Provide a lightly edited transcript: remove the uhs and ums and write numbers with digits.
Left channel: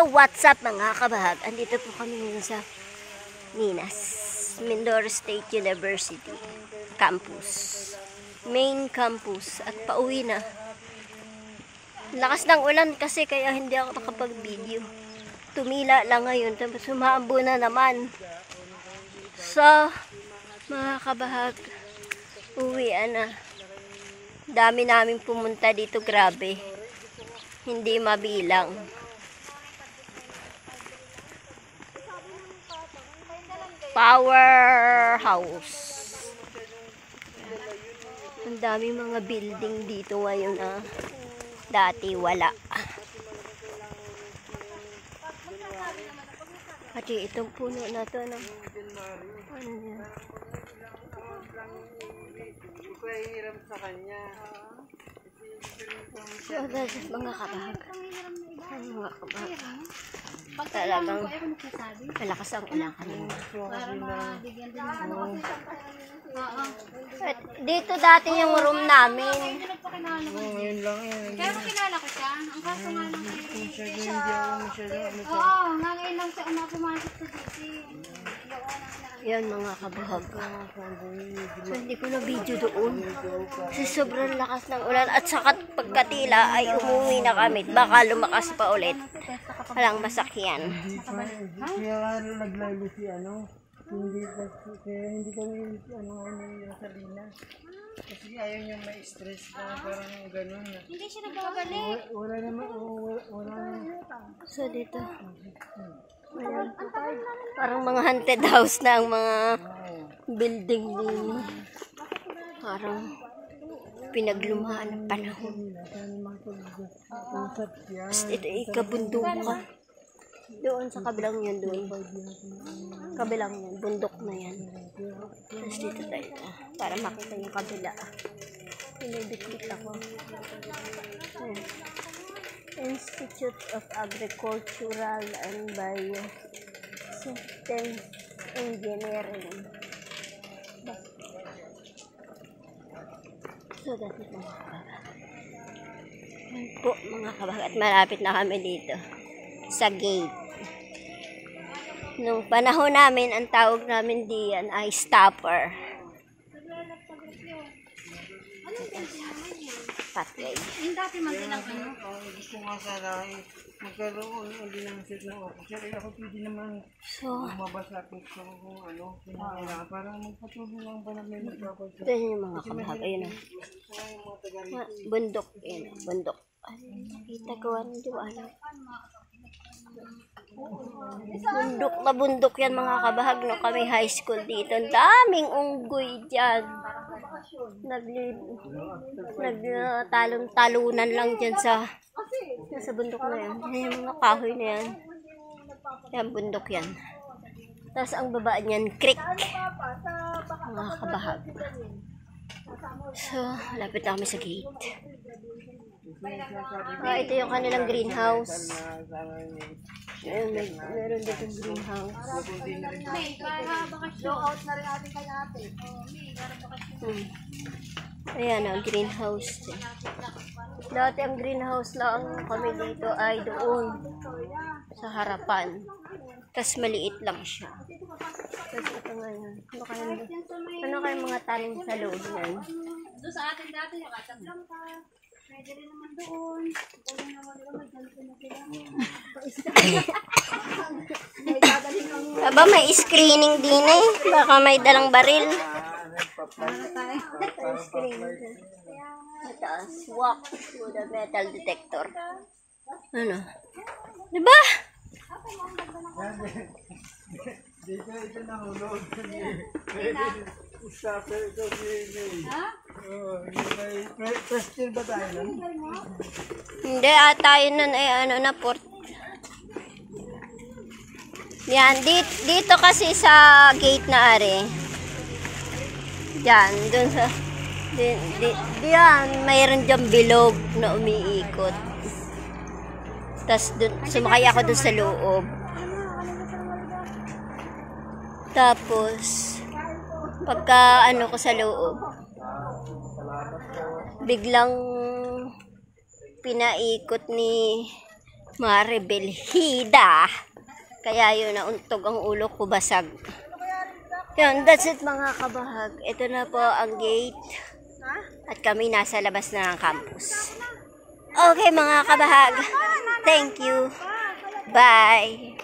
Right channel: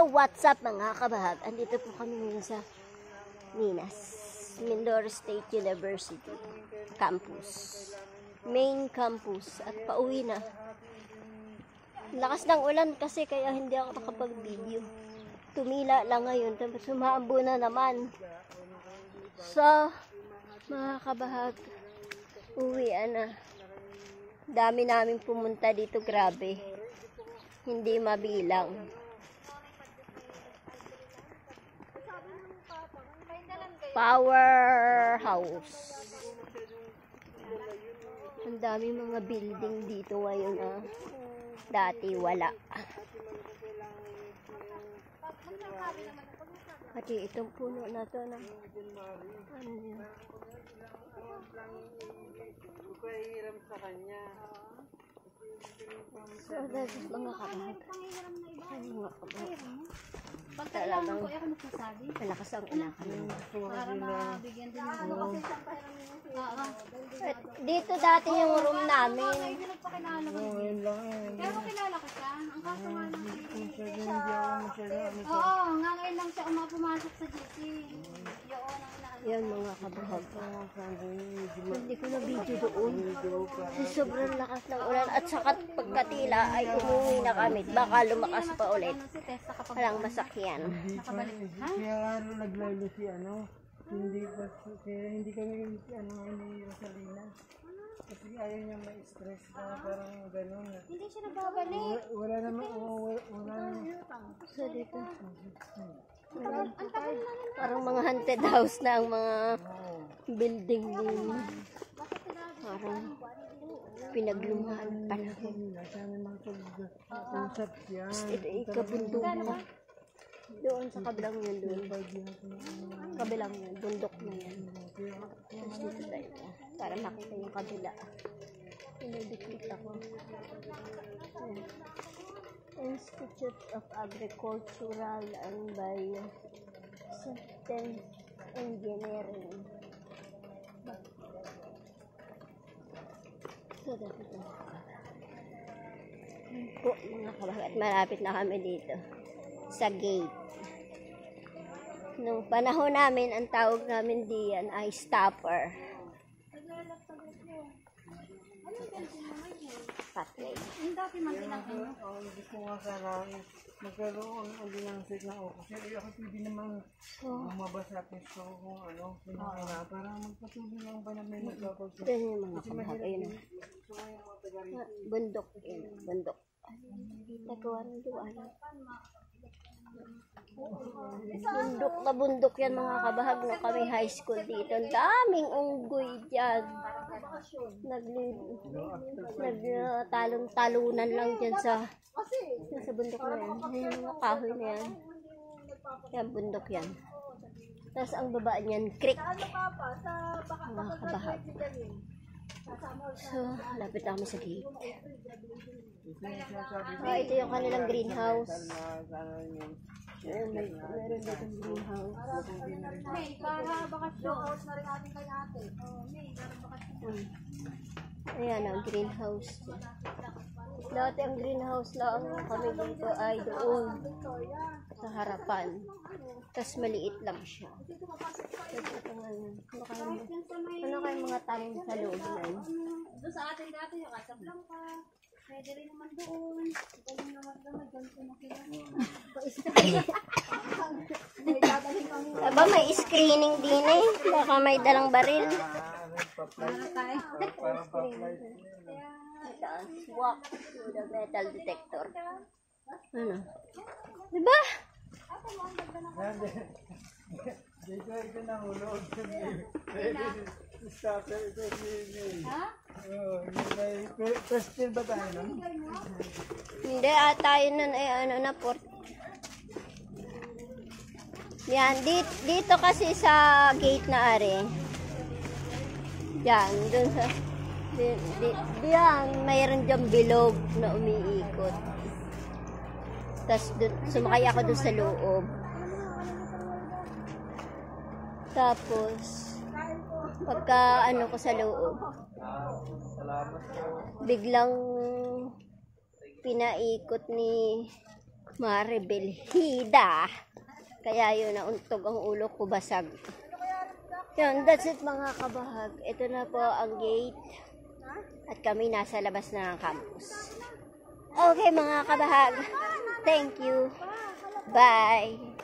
Hello, what's up mga kabahag? Andito po kami ngayon sa Minas, Mindoro State University campus, main campus, at pauwi na. Lakas ng ulan kasi kaya hindi ako nakapag-video. Tumila lang ngayon, tapos sumaambo na naman. So, mga kabahag, uwian na. Dami namin pumunta dito, grabe. Hindi mabilang. Powerhouse. Ang dami mga building dito ngayon na dati wala. Pati itong puno na to ng ano yan. So, that's mga kabahag. Mga kabahag. Talagang malakas ang ulan kanina. Dito dati yung room namin. Kaya makilala ko siya. Ang kaso nga lang oo, nga ngayon lang siya pumasok sa DC. Yan mga kabahag. So, hindi ko na video doon. Kasi sobrang lakas ng ulan. At saka pagkatila ay umuwi na kami. Baka lumakas pa ulit. Walang masakyan. Kaya naglaylo si hindi kami Rosalina. Kasi ayaw niya ma-stress na parang gano'n. Hindi siya nagbabalik. Wala naman. So dito. Parang mga haunted house na ang mga building din. Parang pinaglumaan ng panahon. Ito ikabundukan. Doon sa kabilang yan doon. Kabilang yan. Bundok na yan. Tapos dito tayo. Para makita yung kabila. Pinibikit ako. Institute of Agricultural and Biosystems Engineering. So, dati po mga kabahag. At malapit na kami dito sa gate. Nung panahon namin, ang tawag namin diyan ay stopper. Anong building naman yan? Pathway. Yung dati man din ang ano. Gusto nga sana magkaroon ulit ng set ng officer. Ako pwede naman lumabas sa pwesto kung para magpatuloy lang ba namin magkakonsult. Ito yung mga kabahag. Ayun. Bundok. Ayun. Bundok. Nakita ko ang diwala. Bundok na bundok yan mga kabahag. No, kami high school dito. Ang daming unggoy dyan. Nagtalon-talunan lang dyan sa bundok na yan. Yan yung mga kahoy na yan. Yan, bundok yan. Tapos ang baba niyan, creek. Mga kabahag. So, lapit na kami sa gate. Ito yung kanilang greenhouse. Meron dito greenhouse. Para bakasyon. Out na rin natin kay ate. Ayan ang greenhouse. Dati ang greenhouse lang kami dito ay doon sa harapan. Tapos maliit lang siya. Tapos ito ngayon. Ano kaya mga tanim sa loob yan? Doon sa atin dati, nakasak lang ka. Pwede rin naman doon. Pwede naman nila, may ganito na sila. Aba, may screening din eh. Baka may dalang baril. Taas, walk to the metal detector. Ano? Diba? Dito nahulog. Stopper ito si first year ba tayo nun? Hindi, tayo nun ay na port. Yan, dito kasi sa gate na are. Diyan, dun sa diyan, mayroon dyan bilog na umiikot. Tapos sumakay ako dun sa loob. Tapos pagka ko sa loob, biglang pinaikot ni Maribelhida. Kaya yun, nauntog ang ulo ko, basag. Yun, that's it mga kabahag. Ito na po ang gate. At kami nasa labas na ng campus. Okay mga kabahag. Thank you. Bye.